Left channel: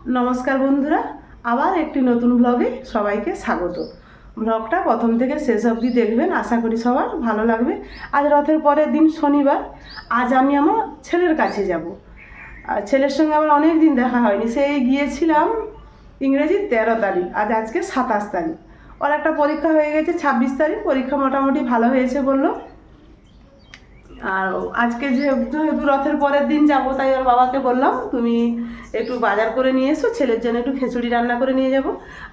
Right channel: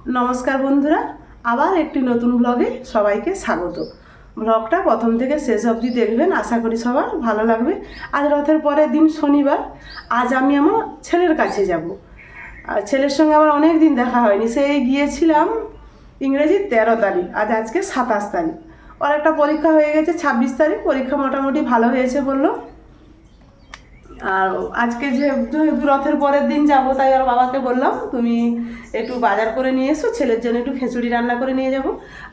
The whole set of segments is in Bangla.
নমস্কার বন্ধুরা, আবার একটি নতুন ব্লগে সবাইকে স্বাগত। ব্লগটা প্রথম থেকে শেষ অবধি দেখবেন, আশা করি সবার ভালো লাগবে। আজ রথের পরের দিন শনিবার, আজ আমি আমার ছেলের কাছে যাব। আর ছেলের সঙ্গে আমার অনেক দিন দেখা হয়নি, সেই গিয়েছিলাম ইংরেজির 13 তারিখ, আজকে 27 তারিখ। ওর একটা পরীক্ষা হয়ে গেছে 26 তারিখ, পরীক্ষা মোটামুটি ভালো হয়েছে বললো। আর আজকে যেহেতু রথের পরের দিন যাব, তাই ওর বাবাকে বললাম তুমি একটু বাজার করে নিয়ে এসো, ছেলের জন্য একটু খিচুড়ি রান্না করে নিয়ে যাব।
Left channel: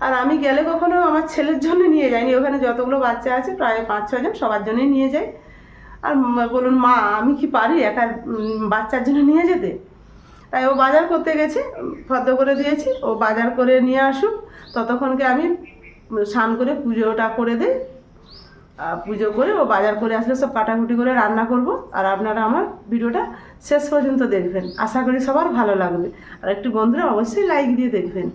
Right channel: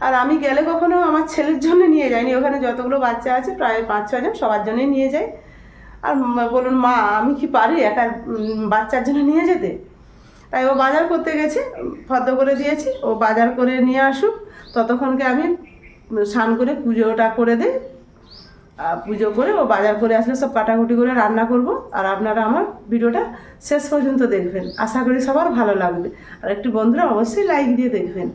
আর আমি গেলে কখনো আমার ছেলের জন্য নিয়ে যাইনি, ওখানে যতগুলো বাচ্চা আছে প্রায় 5-6 জন, সবার জন্যই নিয়ে যাই। আর বলুন মা, আমি কি পারি একা বাচ্চার জন্য নিয়ে যেতে? তাই ও বাজার করতে গেছে, ফর্দ করে দিয়েছি, ও বাজার করে নিয়ে আসুক, ততক্ষণকে আমি স্নান করে পুজোটা করে দিই। পুজো করে ও বাজার করে আসলে সব কাটাকুটি করে রান্না করব। আর আপনারা আমার ভিডিওটা শেষ পর্যন্ত দেখবেন, আশা করি সবার ভালো লাগবে। আর একটু বন্ধুরা অবশ্যই লাইক দিয়ে দেখবেন।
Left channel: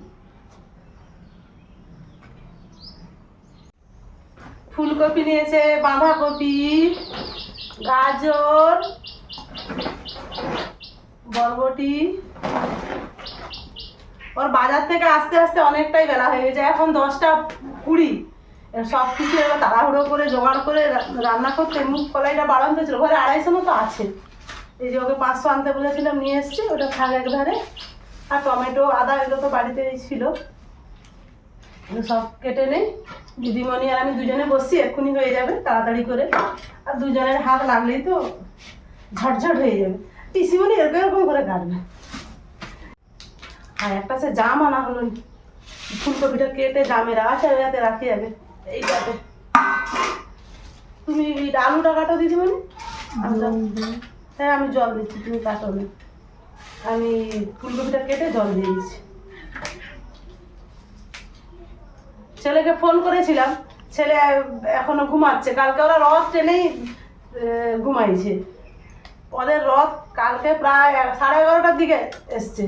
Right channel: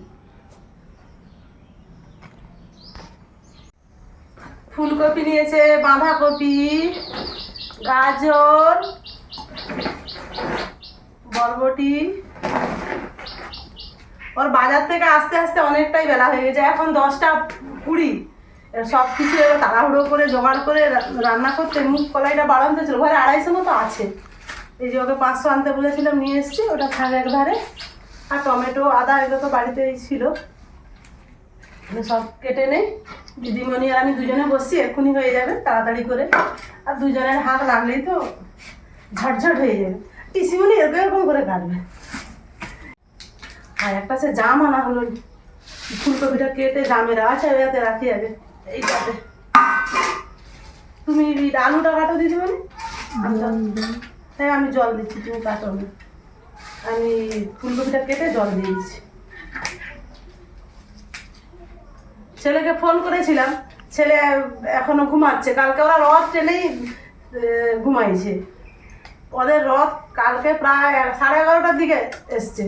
ফুলকপি নিয়েছে, বাঁধাকপি, গাজর, বরবটি। ওর বাজার থেকে আসতে আসতে অনেকটাই বেলা হয়ে গেছে, এখন 10টা 20। সব কিছু এবার তাড়াহুড়ো করে জোগাড় করে রান্না করতে, মুগ কলাইটা বাড়াতে ছিল, ঘরে 250 মতো আছে। এই যে ওকে 500 আনতে বলেছিলাম, নিয়ে এসছি, ওটা থাক একধারে। আর টমেটো, আদা, এগুলো তো বাড়িতেই ছিল, সব কেটে নেই। দিদিমণি আর আমি দুজনে বসছি, এক্ষুনি হয়ে যাবে তাড়াতাড়ি করে। আর দুজনের হাত লাগলেই তো ঝটঝট হয়ে যাবে। পিসিমণি এরকম এরকম করে কাটবে। আর একটা সে জাম আনা হলো, ফুলকপিটা কেটে জামের আছে, ওইটাতে রাখি আগে, এইটাতে। তুমি আলুটা কাটো দিদিমণি। হ্যাঁ, আমি জল দিচ্ছি, তুমি কাটো না। আমি ফুলকপিটা কেটে জল দিয়েছি। ছেলেকে ফোন করেছিলাম, ছেলে এখনো ঘুমাচ্ছে। কালকে ওরা রথ ট্রেনেই ঘুমাইছে। ওদের রথ কালকে প্রায় 11:30টার দিকে এসছে,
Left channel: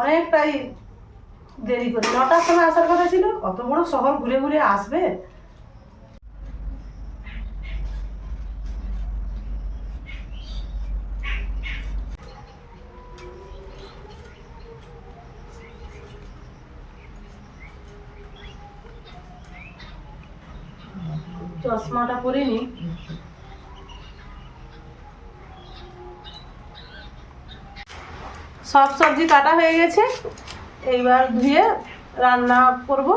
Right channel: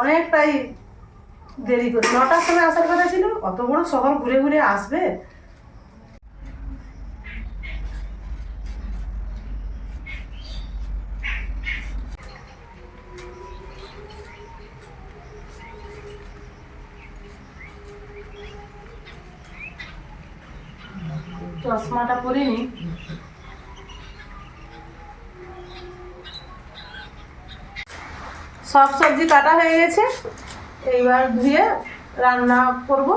অনেকটাই দেরি করে। 9টার সময় আসার কথা ছিল, অত বড় শহর ঘুরে ঘুরে আসবে। চশমাটা পরিনি। সব সবজি কাটা হয়ে গেছে, এইবার ধুয়ে রান্না করব।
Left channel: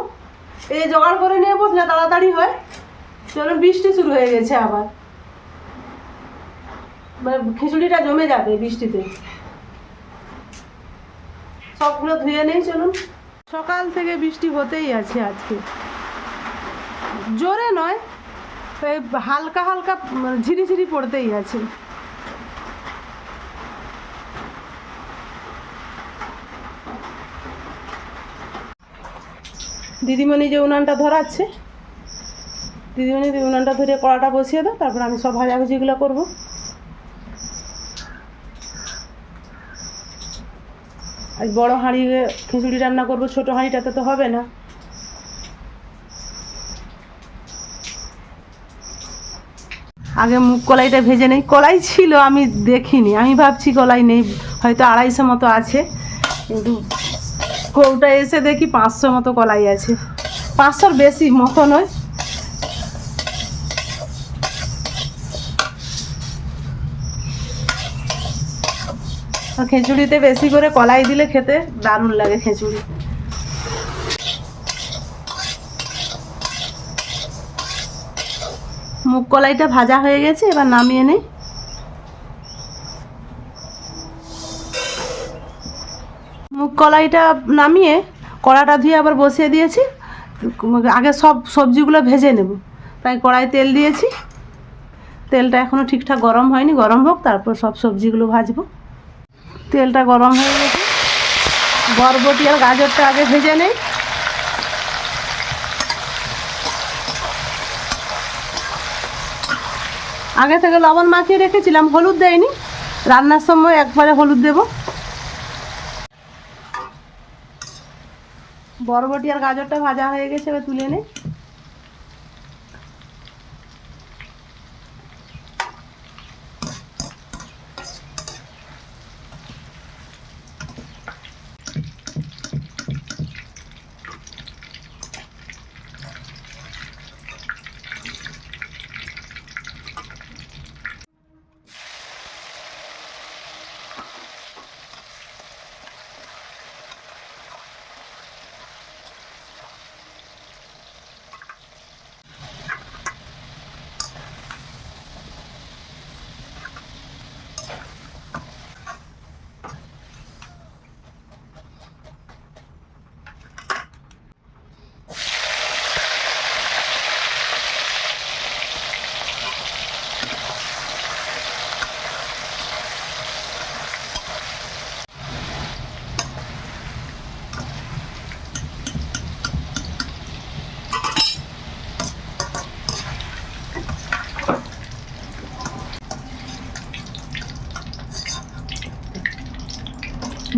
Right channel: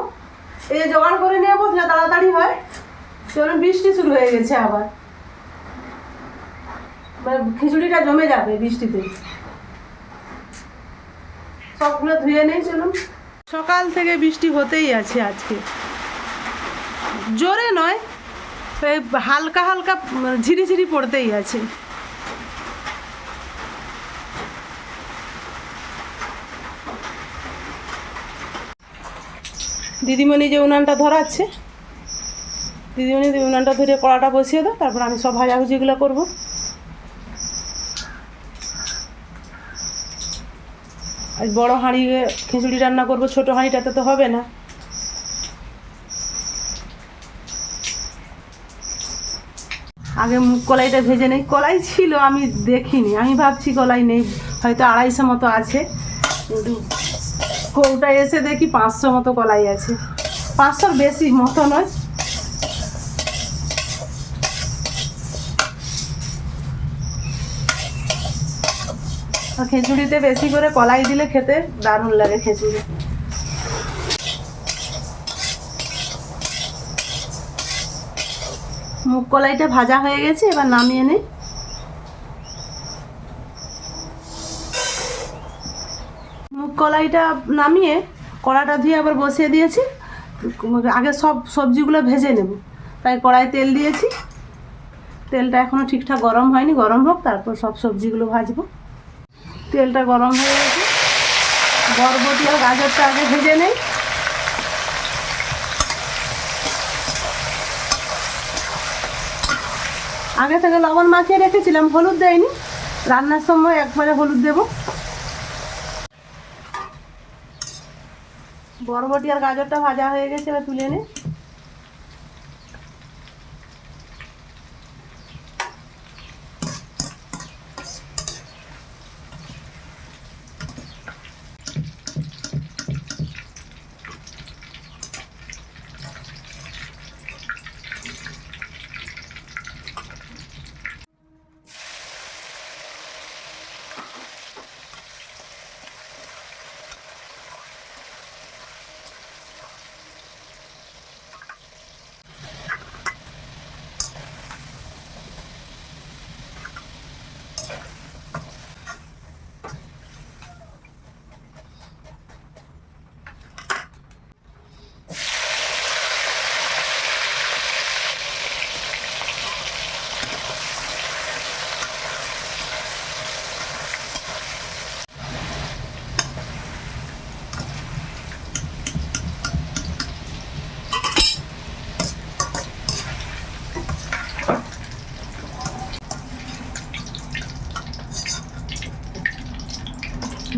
এই জোগাড় করে নিয়ে বসলে তাড়াতাড়ি হয়। চলুন, বৃষ্টি শুরু হয়ে গেছে আবার, খিচুড়িটা জমে যাবে বৃষ্টিতে। সবগুলো ধুয়ে নেই, চলুন। সকাল থেকে বৃষ্টি হতেই আছে আজকে, জোরে নয়, হালকা হালকা ঝিরিঝিরি পড়তেই আছে। দিদিমণি যে উনানটা ধরাচ্ছে, দিদিমণি উনানটা ধরে কড়াটা বসিয়ে দাও, তারপর আমি সব ভাজাভুজিগুলো করবো। আজ বড় হাঁড়ি খিচুড়ি রান্না করব, ছোটো হাঁড়িটাতে তো হবে না। আগে মুগ কলাইটা ভেজে নেই। কলাই ছিল, আমি দেখিনি, আমি ভাবছি কলাই নেই, হয়তো 250 মতো আছে, কিন্তু কৌটা এসে দেখি 500 মতো কলাই আছে। 500-র বেশি মতো নয়। আর খিচুড়িতে বেশি করে কলাই দিলে খেতে দারুণ লাগে খিচুড়ি। মুগ কলাইটা ভাজা হয়ে গেছে, এবার নামিয়ে নেই। মুগ কলাইটা নামিয়ে কড়াটা ধুয়ে আবার বসিয়ে দিয়েছি। আগে সব সবজিগুলো ভেজে নেব, তাই কড়াই তেল দিয়েছি। তেলটা এখনও ঠিকঠাক গরম হয়নি, গরম হোক, তারপর সব সবজিগুলো ভাজবো। তেলটা গরম হয়ে গেছে, বরবটি আর গাজরটা আগে ভেজে নেই। আগে থেকে লবণ মাখিয়ে রেখেছিলাম, হলুদ দেয়নি, রান্নার সময় একবারে হলুদ দেব। বরবটি আর গাজরটা ভাজা হয়ে গেছে, এবার তুলে নিই।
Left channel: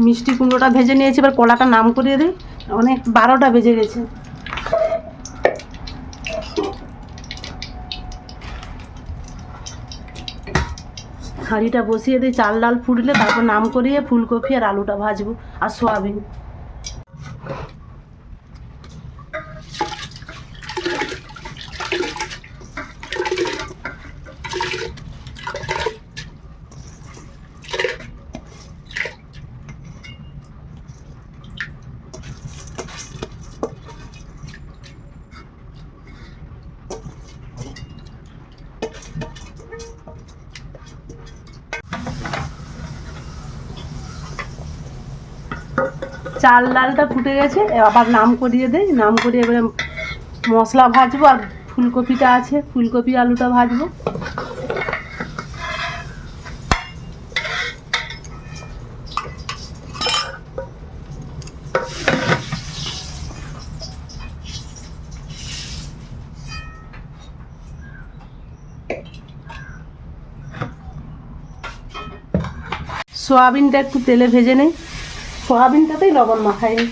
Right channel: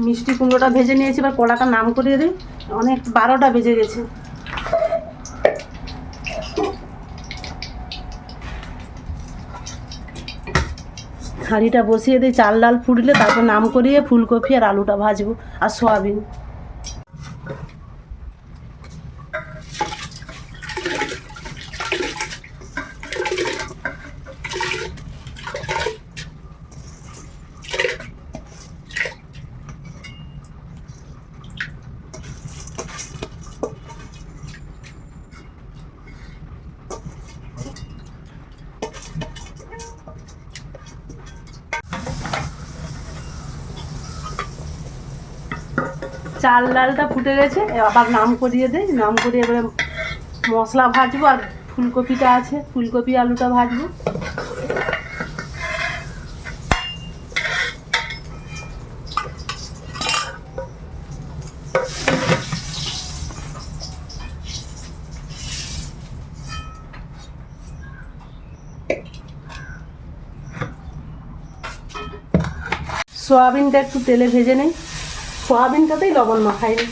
মিষ্টি কুমড়োটা ভেজে নিয়েছি, এবার কলাটা নাম করিয়ে দিই। অনেক 12টা বেজে গেছে। হাঁড়িটা বসিয়ে দিই, চাল ডাল ফুটলে তারপর নাম করিয়ে ফুলকপি আর আলুটা ভাজবো আর সয়াবিন। চাল ডালটা ফুটে গেছে, আবার নাম করিয়ে দেয়। নাম করিয়ে এবারে মশলা ভাজবো আর ফুলকপিটা আছে, ফুলকপি আলুটা ভাজবো। সোয়াবিনটা একটু তেলে ভেজে নেই, সোয়াবিনটাতেই লবণ মাখাইনি।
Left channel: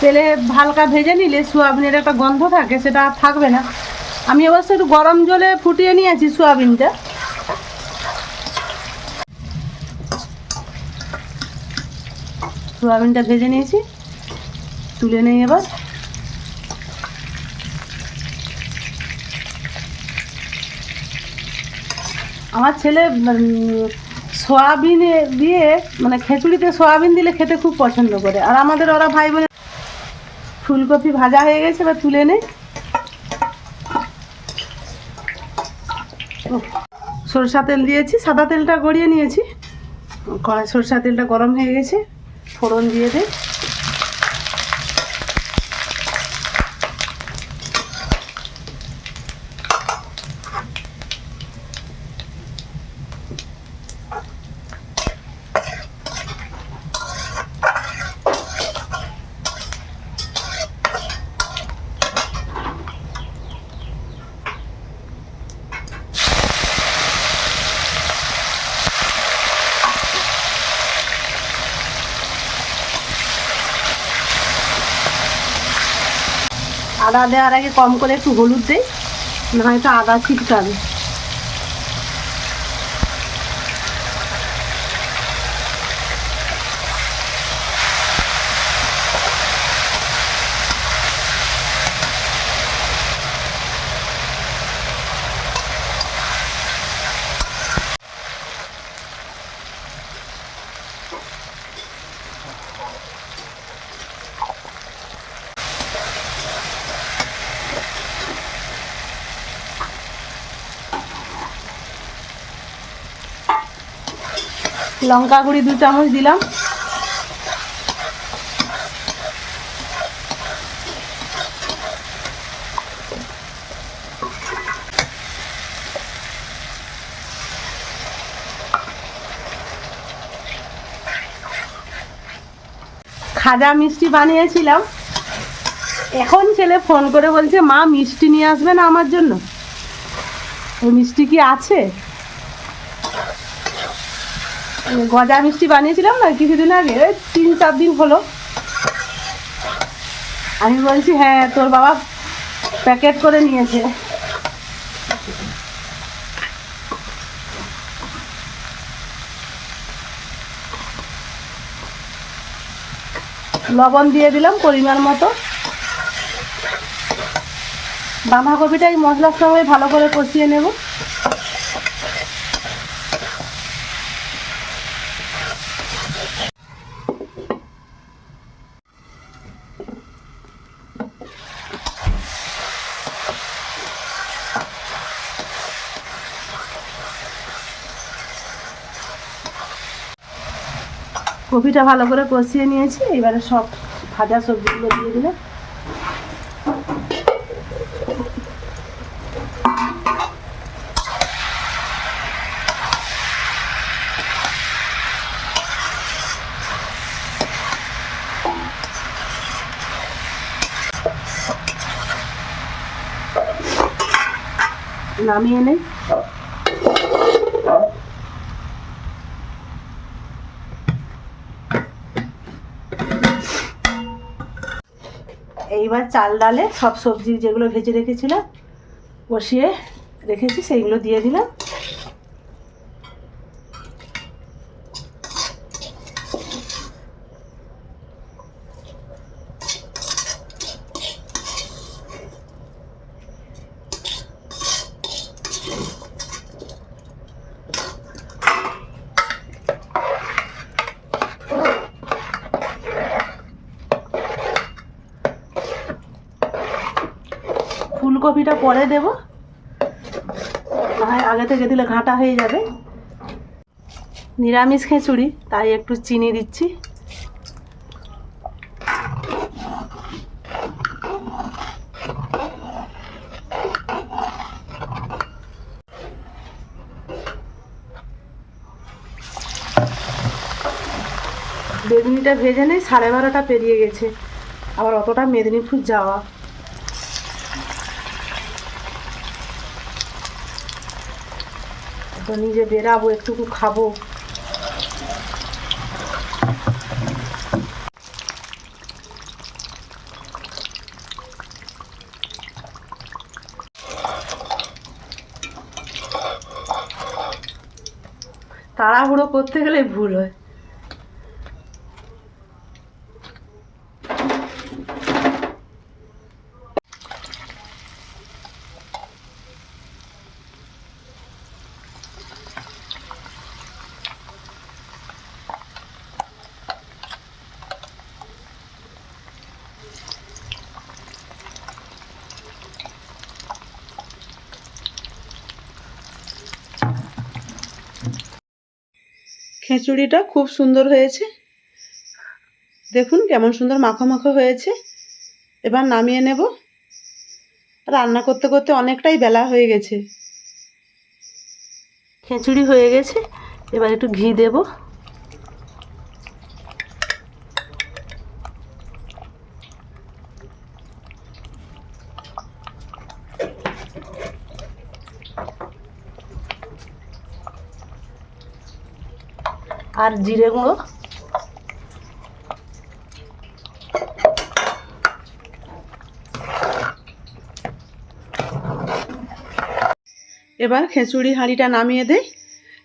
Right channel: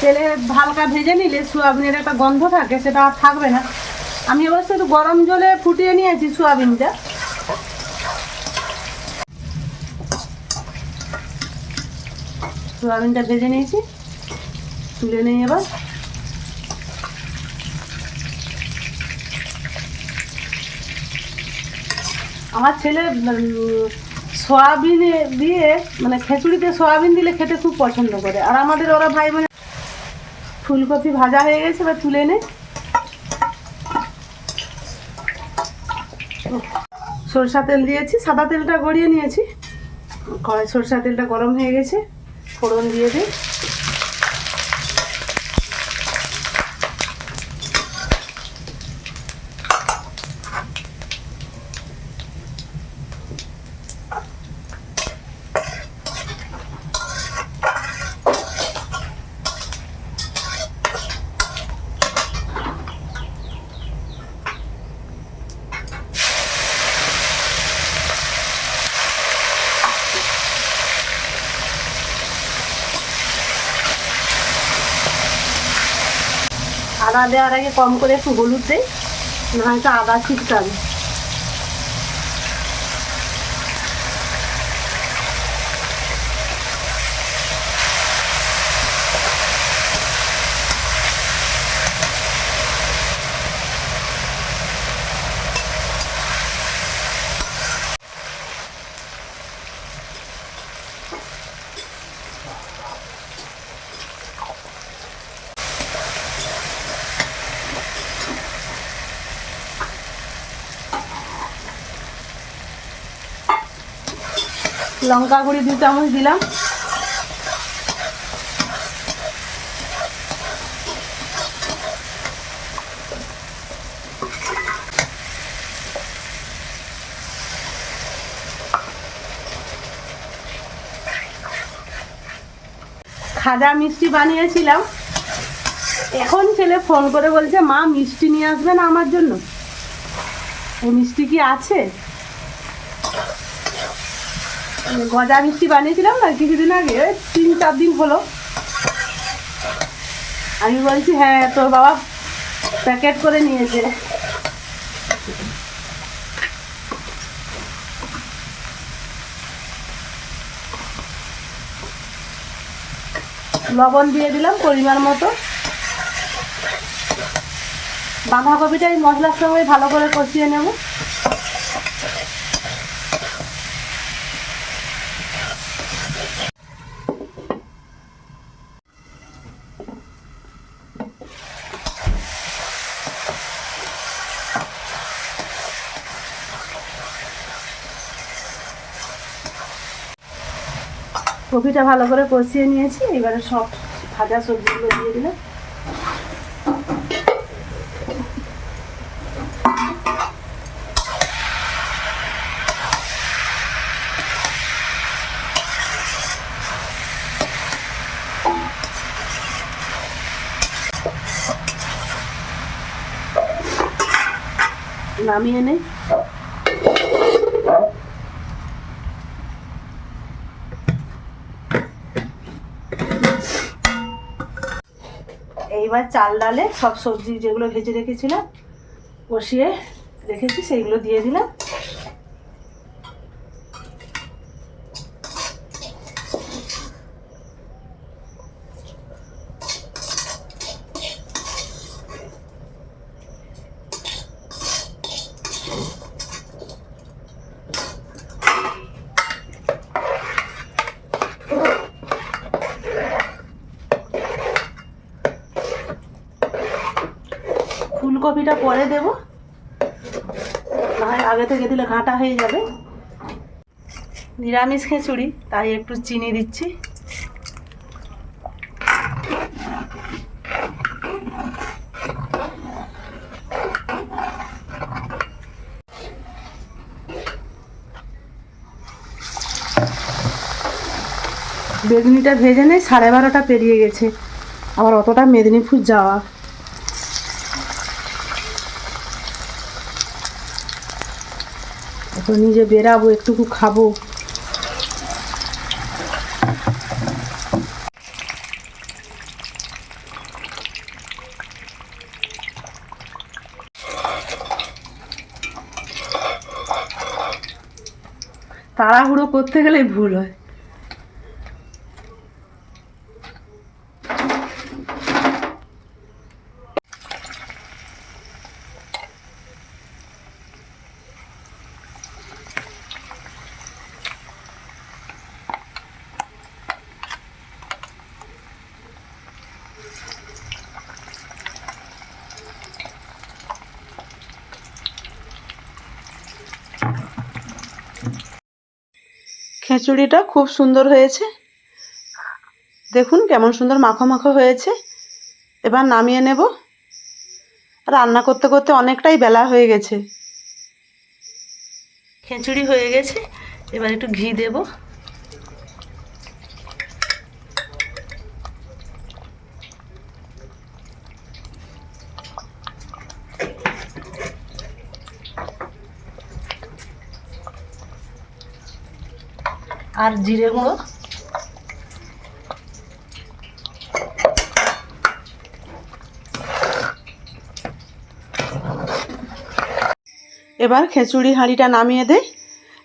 তেলে হালকা ভেজে নিলে সোয়াবিনের একটা গন্ধ থাকে, সেটা আর থাকবে না। আমি অবশ্য একটু গরম জলে ফুটিয়ে নিয়েছি সোয়াবিনটা। সোয়াবিনটা ভেজে নিয়েছি, তুলে নেই এবার। আমার ছেলে সোয়াবিন দিয়ে মানে খিচুড়িতে সোয়াবিন দিলে খেতে খুব পছন্দ করে। আর আমাদের ওরা ভাই বোন। ফুলকপি ভাজা হয়ে গেছে, এবার তুলে নেই। সরষা তেল দিয়েছি, সাদা তেলটা গড়িয়ে নিয়েছি। কড়াই সরষা তেলটা গরম হয়ে গেছে, ফোড়ন দিয়ে দিই। আদা দেওয়ার আগে কম করে একটু হলুদ দেই, নয়তো আদা ছিটকাবে। লঙ্কা গুঁড়ি 2 চামচ দিলাম। খাজা মিষ্টি বানিয়েছিলাম, এখন ছেলে ফোন করে বলছে মা মিষ্টি নিয়ে আসবে না আমার জন্য। ওই মিষ্টি কি আছে? গজা মিষ্টি বানিয়েছিলাম না কিছুদিন আগে, 3-4 দিন হলো। আমি বলছি হ্যাঁ তোর বাবা প্যাকেট করে নিয়েছে। লবণ দিয়ে দিলাম পরিমাণ মতো। বাঁধাকপিটা এই মশলার সঙ্গে ভালো করে কষিয়ে নেব। কপিটা ভালো করে কষিয়ে নিয়েছি, এবারে সব ভাজা সবজিগুলো দিয়ে দিলাম। নামিয়ে নেই। এইবার চাল ডালে সব সবজি যেগুলো ভেজে রেখেছিলাম বসিয়ে রেখেছি সেইগুলো দিয়ে দিলাম। ফুলকপিটা পরে দেব, না আগে থেকে দিলে ঘাঁটা হয়ে যাবে। নিরামিষ খিচুড়ি তাই একটু চিনি দিচ্ছি। বেগুনিটা ভেজে নেই, 12:30 পেরিয়ে গেছে, আবার অতটা মেদিনীপুর যাওয়া। এখন নিজে বেরাবো, একটুকু খাবো। তাড়াহুড়ো করতে গেলে ভুল হয়। খিচুড়িটা খুব সুন্দর হয়েছে, দেখুন কেমন সুন্দর মাখো মাখো হয়েছে। এবার নামিয়ে নেব। রান্না করতে করতে অনেকটাই বেলা হয়ে গেছে। খিচুড়ি হয়ে গেছে, এবার একটু ঘি দেব। আর জিরে গুঁড়ো। এবার খিচুড়ি হাঁড়িটা নামিয়ে দেই,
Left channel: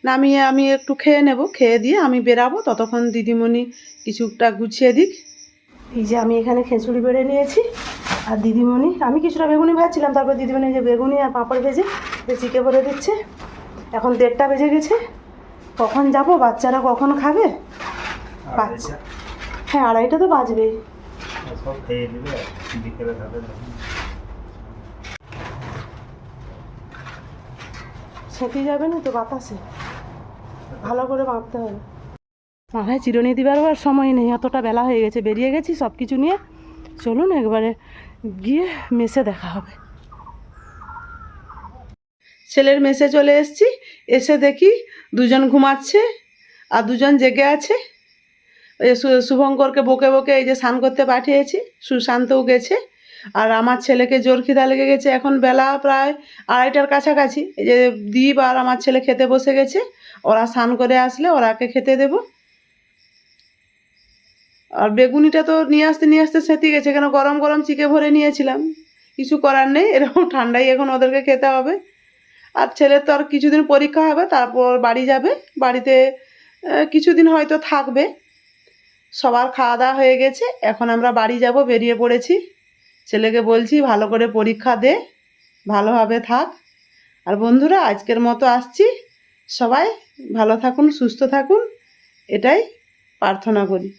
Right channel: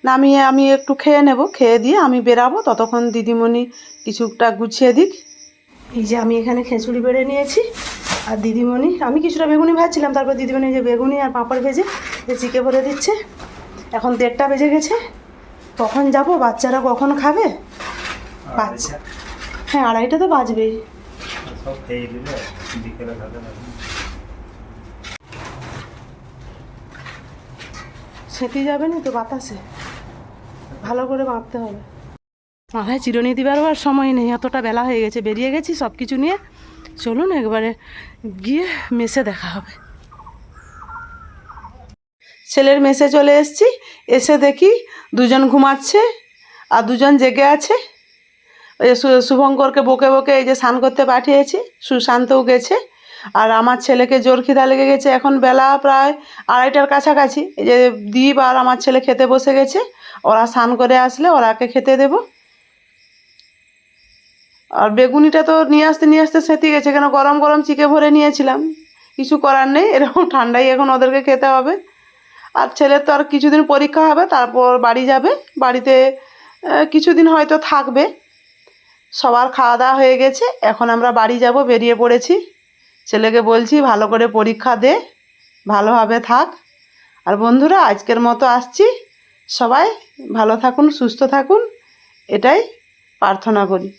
নামিয়ে আমি একটু খেয়ে নেব, খেয়ে দিয়ে আমি বেরাবো। ততক্ষণ দিদিমণি কিছুটা গুছিয়ে দিক। এই যে আমি এখানে খিচুড়ি বেড়ে নিয়েছি, আর দিদিমণি, আমি কিছুটা বেগুনি ভাজছিলাম, তারপর দিদিমণি যে বেগুনি আর পাঁপড় ভেজে চিকে ভরে দিচ্ছে। এখন 1:30 বেজে গেছে, কখন যাব, বাচ্চারা কখন খাবে? বাচ্চা হ্যাঁ 2:30 তো বাজবেই। সেঁতে যাবে না তো বাতাসে, ভালো করে মাপতে হবে। মাথায় চিরুনি দিবার আর সময় নেই, এতটা বেলা হয়ে গেছে, বেরিয়ে গেছি সব কিছু নিয়ে। চলুন একবারে গিয়ে মেসে দেখা হবে। ছেলের মেসে চলে এসেছি, এসে দেখি দুজন ঘুমাচ্ছে আর দুজন জেগে আছে। ওই যে শুভঙ্করকে বকে বকে এই যে স্নান করতে পাঠিয়েছি, সুশান্তও গেছে। আর আমার ছেলেকে জোর খিদা লেগে গেছে, এখন বেলা প্রায় 2:30টার কাছাকাছি। এই যে দীপ আর আমার ছেলে খেতে বসে গেছে, ওরা স্নান করে আসলে ওরাকে খেতে দেব। আর বেগুনিটা তো নিয়ে আসতে সেঁতে গেছে, কেন গরম গরম চিকে ভরে নিয়েছিলাম, কিছু করার নেই, এরকম ঠান্ডাই এখন ওদেরকে খেতে হবে। আর ছেলের তো আর কিছুদিন পরীক্ষা হবে, তারপর বাড়ি যাবে, বাড়িতে কিছুদিন হয়তো থাকবে। সবার খাওয়া দাওয়া হয়ে গেছে, এখন আমরা বাড়ি যাব, বেরিয়ে পড়েছি। ছেলেকে বলছি ভালো করে পরীক্ষা দে, ভালোভাবে থাক। আর বন্ধুরা আজকের মতো আসছি, সবাই ভালো থাকুন, সুস্থ থাকুন, এটাই প্রার্থনা করি।